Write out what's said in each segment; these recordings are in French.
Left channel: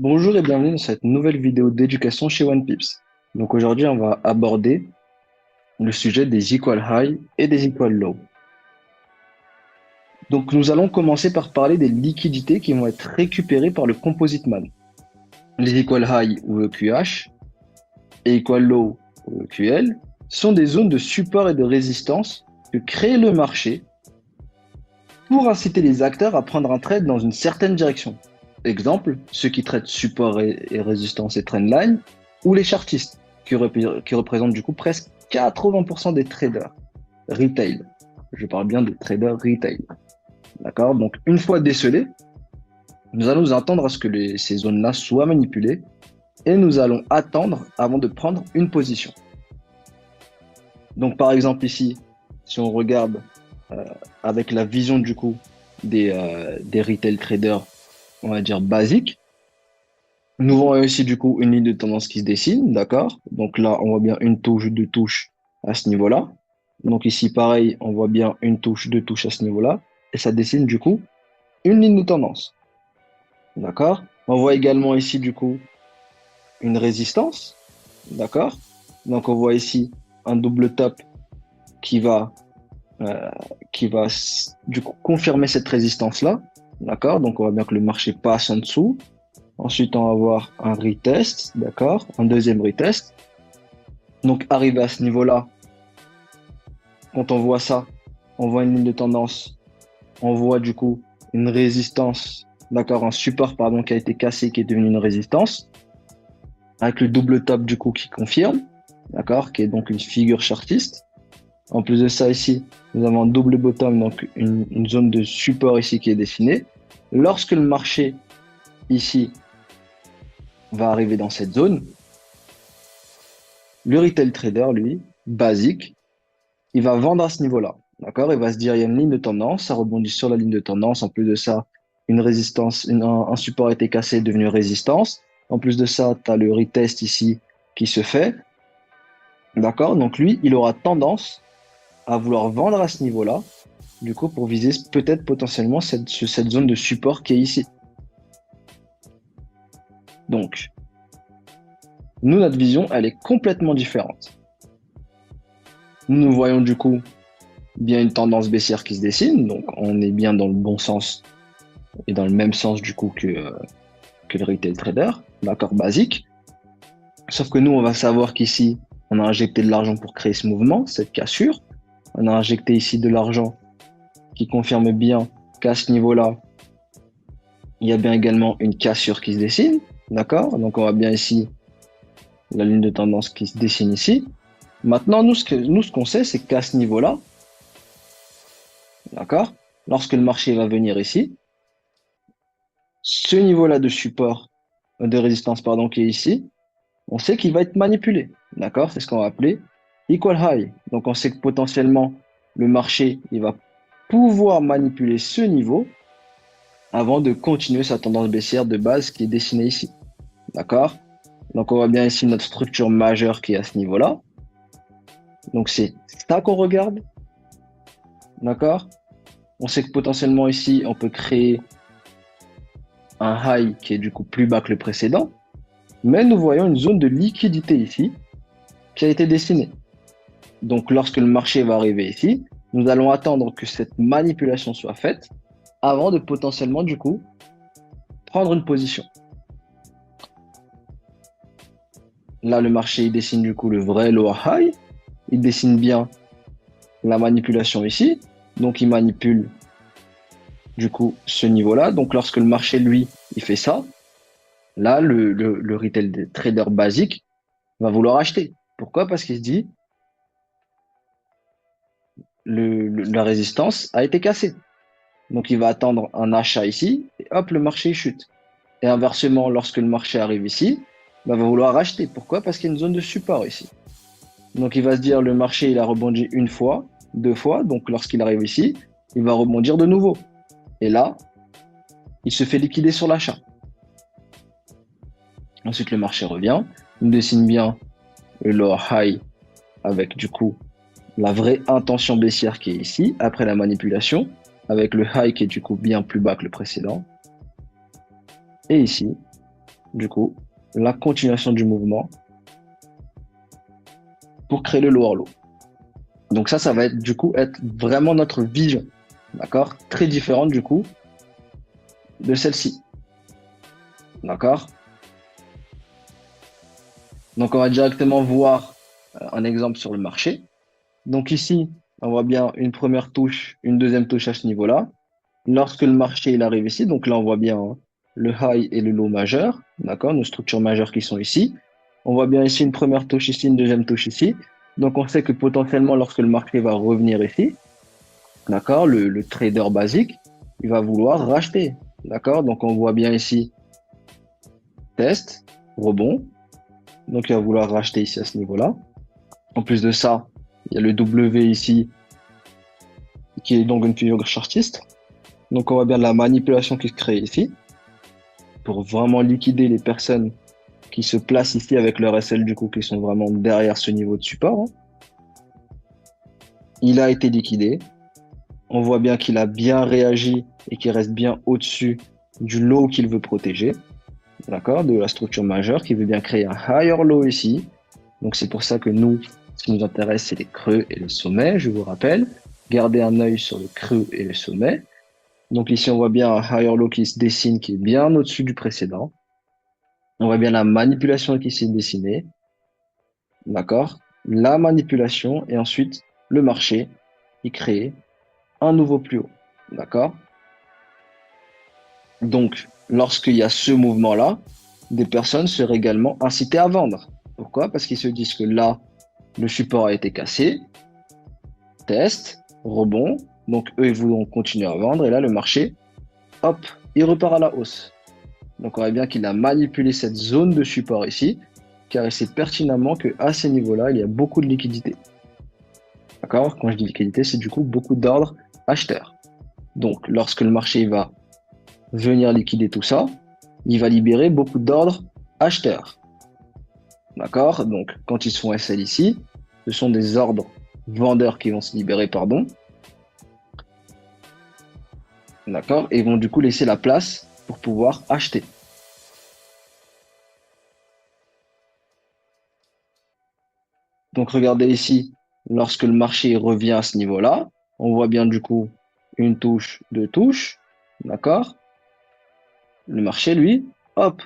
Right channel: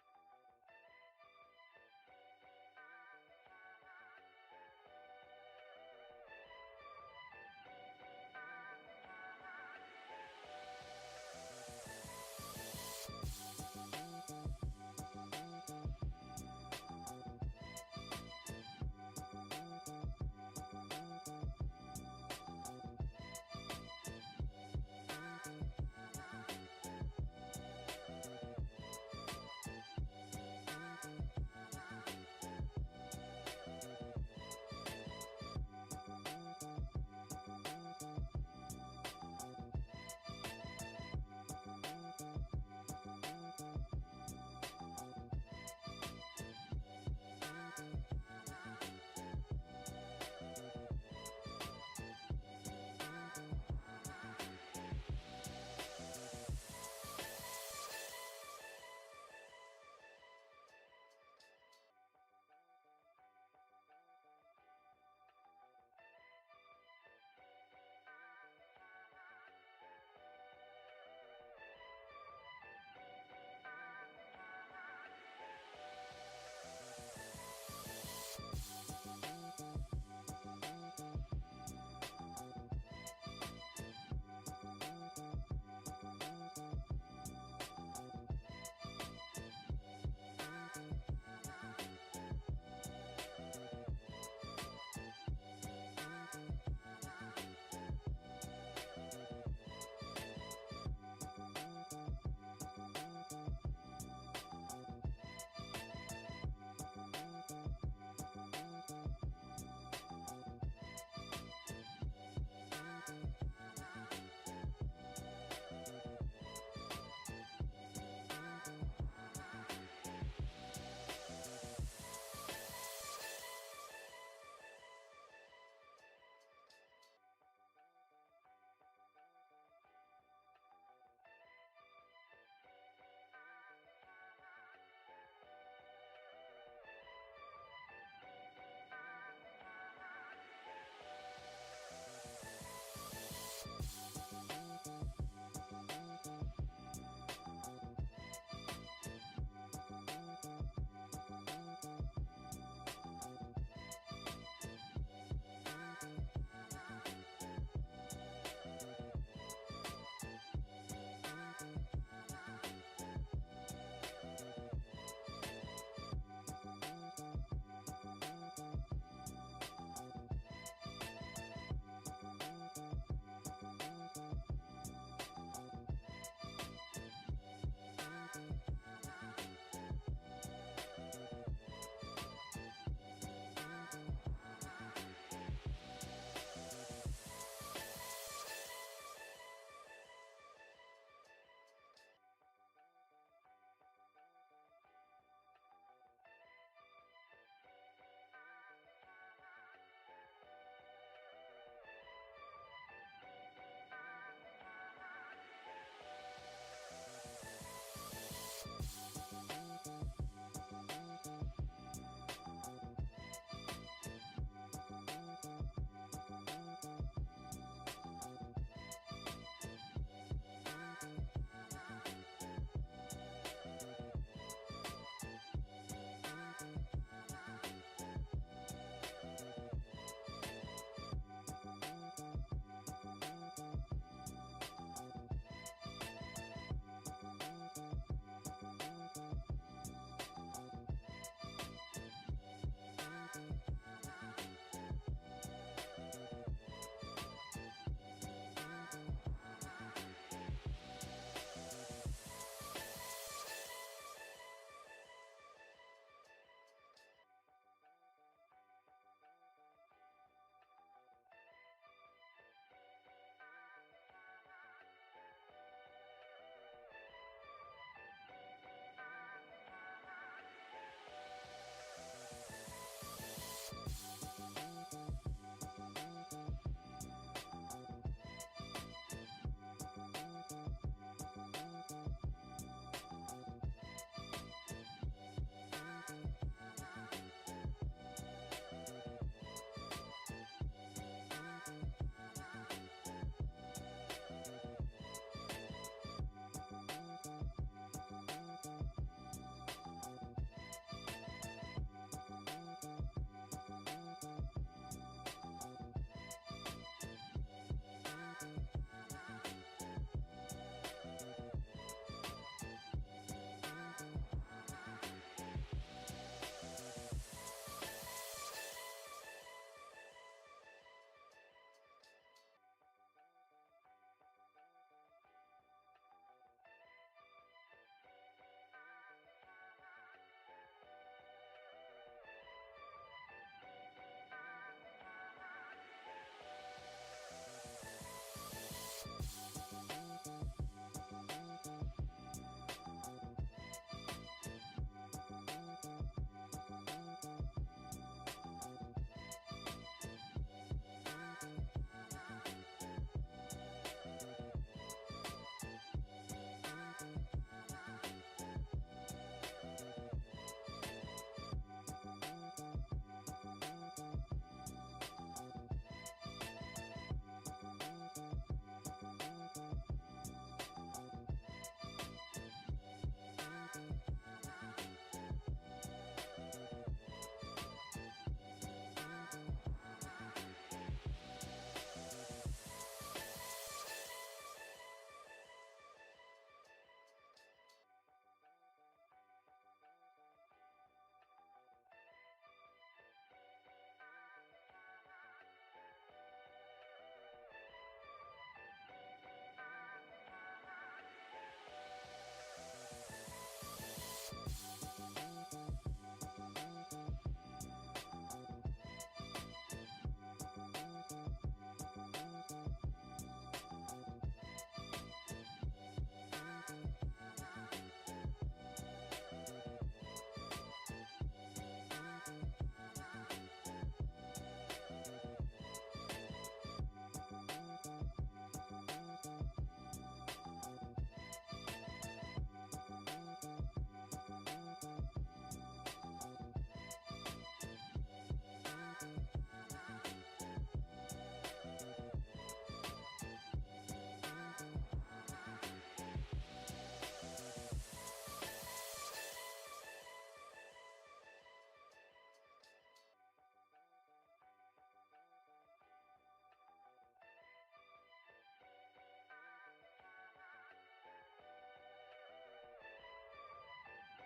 Bonjour et bienvenue dans cette nouvelle vidéo d'éducation chez OnePips. Donc aujourd'hui, on va aborder le sujet des equal high et des equal low. Donc nous allons commencer par parler des liquidités qui vont être récupérées par le composite man. Les equal high ou EQH et equal low ou EQL sont des zones de support et de résistance que crée le marché pour inciter les acteurs à prendre un trade dans une certaine direction. Exemple, ceux qui traitent support et résistance et trendline, ou les chartistes, qui représentent du coup presque 80% des traders retail. Je parle bien de traders retail. D'accord? Donc, une fois décelés, nous allons nous attendre à ce que ces zones-là soient manipulées et nous allons attendre avant de prendre une position. Donc, par exemple, ici, si on regarde euh, avec la vision du coup des retail traders, on va dire basiques, nous voyons ici du coup une ligne de tendance qui se dessine, d'accord? Donc là, on voit bien une touche, deux touches à ce niveau-là. Donc ici, pareil, on voit bien une touche, deux touches à ce niveau-là. Et ça dessine du coup une ligne de tendance, d'accord? On voit également ici du coup une résistance, d'accord? Donc on voit ici un double top qui va, euh, du coup confirmer cette résistance-là, d'accord? Donc on voit bien que le marché passe en dessous. Ensuite, on va avoir un retest, d'accord? Un deuxième retest. Donc, arrivé à ce niveau-là, quand on voit ça, on voit une ligne de tendance, on voit du coup une résistance, d'accord? Un support, pardon, qui a été cassé, qui est devenu une résistance, avec le double top du coup qui confirme, d'accord? Qui est donc une figure chartiste. En plus de ça, ici, nous avons un double bottom, donc une zone de support ici qui est dessinée. Lorsque le marché ici va arriver dans cette zone, le retail trader, lui, basique, il va vendre à ce niveau-là. D'accord? Il va se dire, il y a une ligne de tendance, ça rebondit sur la ligne de tendance. En plus de ça, une résistance, un support a été cassé, est devenu résistance. En plus de ça, tu as le retest ici qui se fait. D'accord? Donc lui, il aura tendance à vouloir vendre à ce niveau-là, du coup, pour viser peut-être potentiellement cette zone de support qui est ici. Donc, nous, notre vision, elle est complètement différente. Nous voyons du coup bien une tendance baissière qui se dessine, donc on est bien dans le bon sens et dans le même sens du coup que le retail trader, l'accord basique. Sauf que nous, on va savoir qu'ici, on a injecté de l'argent pour créer ce mouvement, cette cassure. On a injecté ici de l'argent qui confirme bien qu'à ce niveau-là, il y a bien également une cassure qui se dessine. D'accord? Donc on voit bien ici la ligne de tendance qui se dessine ici. Maintenant, nous, ce qu'on sait, c'est qu'à ce niveau-là, d'accord, lorsque le marché va venir ici, ce niveau-là de support, de résistance, pardon, qui est ici, on sait qu'il va être manipulé. D'accord? C'est ce qu'on va appeler equal high. Donc on sait que potentiellement, le marché, il va pouvoir manipuler ce niveau avant de continuer sa tendance baissière de base qui est dessinée ici. D'accord? Donc on voit bien ici notre structure majeure qui est à ce niveau-là. Donc c'est ça qu'on regarde. D'accord? On sait que potentiellement ici, on peut créer un high qui est du coup plus bas que le précédent. Mais nous voyons une zone de liquidité ici qui a été dessinée. Donc lorsque le marché va arriver ici, nous allons attendre que cette manipulation soit faite avant de potentiellement du coup prendre une position. Là, le marché il dessine du coup le vrai lower high, il dessine bien la manipulation ici, donc il manipule du coup ce niveau-là. Donc lorsque le marché lui il fait ça, là le retail trader basique va vouloir acheter. Pourquoi? Parce qu'il se dit la résistance a été cassée. Donc il va attendre un achat ici, et hop, le marché chute. Et inversement, lorsque le marché arrive ici, bah, il va vouloir acheter. Pourquoi? Parce qu'il y a une zone de support ici. Donc il va se dire, le marché, il a rebondi une fois, deux fois, donc lorsqu'il arrive ici, il va rebondir de nouveau. Et là, il se fait liquider sur l'achat. Ensuite, le marché revient, il dessine bien le lower high avec du coup la vraie intention baissière qui est ici, après la manipulation, avec le high qui est du coup bien plus bas que le précédent. Et ici, du coup, la continuation du mouvement pour créer le lower low. Donc ça va être du coup être vraiment notre vision, d'accord? Très différente du coup de celle-ci, d'accord? Donc on va directement voir un exemple sur le marché. Donc ici, on voit bien une première touche, une deuxième touche à ce niveau-là. Lorsque le marché il arrive ici, donc là on voit bien hein, le high et le low majeur, d'accord? Nos structures majeures qui sont ici. On voit bien ici une première touche ici, une deuxième touche ici. Donc on sait que potentiellement lorsque le marché va revenir ici, d'accord, le trader basique, il va vouloir racheter, d'accord? Donc on voit bien ici test, rebond, donc il va vouloir racheter ici à ce niveau-là. En plus de ça, il y a le W ici qui est donc une figure chartiste. Donc on voit bien la manipulation qui se crée ici pour vraiment liquider les personnes qui se placent ici avec leur SL du coup qui sont vraiment derrière ce niveau de support, hein. Il a été liquidé. On voit bien qu'il a bien réagi et qu'il reste bien au-dessus du low qu'il veut protéger, d'accord, de la structure majeure, qui veut bien créer un higher low ici. Donc c'est pour ça que nous, ce qui nous intéresse, c'est les creux et le sommet, je vous rappelle. Gardez un œil sur le creux et le sommet. Donc ici, on voit bien un higher low qui se dessine, qui est bien au-dessus du précédent. On voit bien la manipulation qui s'est dessinée, d'accord, la manipulation et ensuite le marché qui crée un nouveau plus haut, d'accord. Donc, lorsqu'il y a ce mouvement-là, des personnes seraient également incitées à vendre. Pourquoi? Parce qu'ils se disent que là, le support a été cassé, test, rebond, donc eux, ils voudront continuer à vendre, et là, le marché, hop, il repart à la hausse. Donc, on voit bien qu'il a manipulé cette zone de support ici, car il sait pertinemment qu'à ces niveaux-là, il y a beaucoup de liquidité. D'accord? Quand je dis liquidité, c'est du coup beaucoup d'ordres acheteurs. Donc, lorsque le marché va venir liquider tout ça, il va libérer beaucoup d'ordres acheteurs. D'accord? Donc, quand ils se font SL ici, ce sont des ordres vendeurs qui vont se libérer, pardon. D'accord? Et vont du coup laisser la place pour pouvoir acheter. Donc, regardez ici, lorsque le marché revient à ce niveau-là, on voit bien du coup une touche, deux touches. D'accord? Le marché, lui, hop,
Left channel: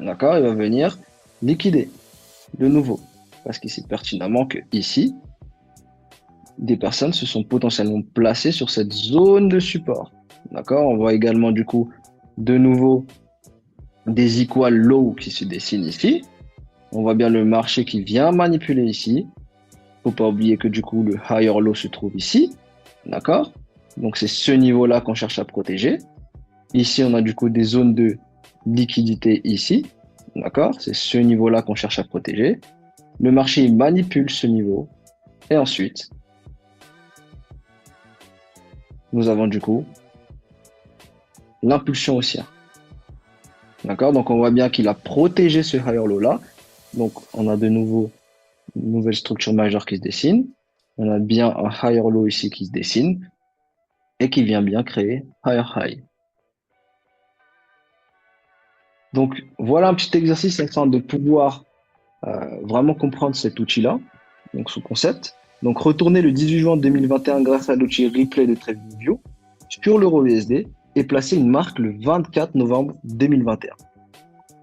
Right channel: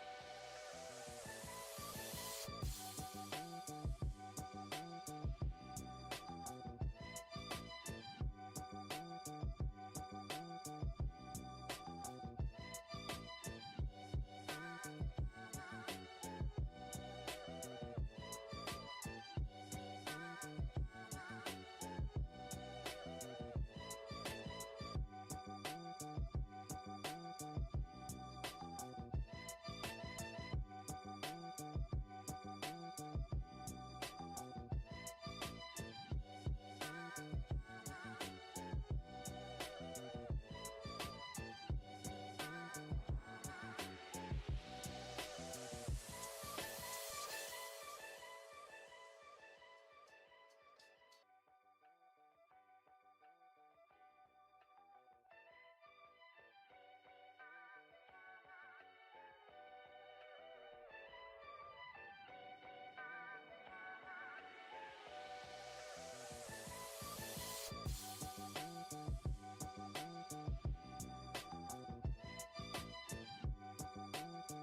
d'accord, il va venir liquider de nouveau. Parce qu'il sait pertinemment que ici, des personnes se sont potentiellement placées sur cette zone de support. D'accord? On voit également du coup de nouveau des equal low qui se dessinent ici. On voit bien le marché qui vient manipuler ici. Faut pas oublier que du coup le higher low se trouve ici. D'accord? Donc c'est ce niveau-là qu'on cherche à protéger. Ici on a du coup des zones de liquidité ici. D'accord? C'est ce niveau-là qu'on cherche à protéger. Le marché manipule ce niveau. Et ensuite, nous avons du coup l'impulsion haussière. D'accord? Donc on voit bien qu'il a protégé ce higher low là. Donc on a de nouveau une nouvelle structure majeure qui se dessine. On a bien un higher low ici qui se dessine et qui vient bien créer higher high. Donc voilà un petit exercice afin de pouvoir vraiment comprendre cet outil-là, donc ce concept. Donc retournez le 18 juin 2021 grâce à l'outil replay de TradingView sur l'euro USD et placez une marque le 24 novembre 2021.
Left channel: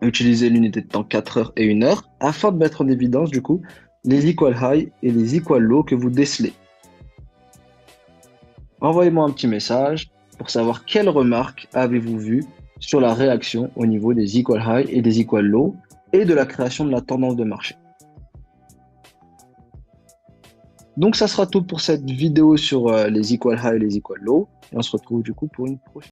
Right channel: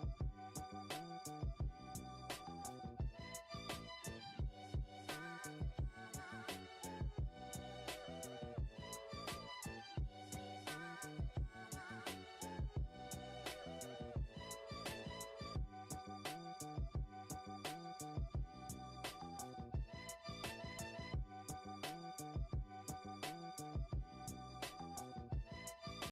Utilisez l'unité de temps 4 heures et 1 heure afin de mettre en évidence du coup les equal high et les equal low que vous décelez. Envoyez-moi un petit message pour savoir quelles remarques avez-vous vues sur la réaction au niveau des equal high et des equal low et de la création de la tendance de marché. Donc ça sera tout pour cette vidéo sur les equal high et les equal low et on se retrouve du coup pour une prochaine.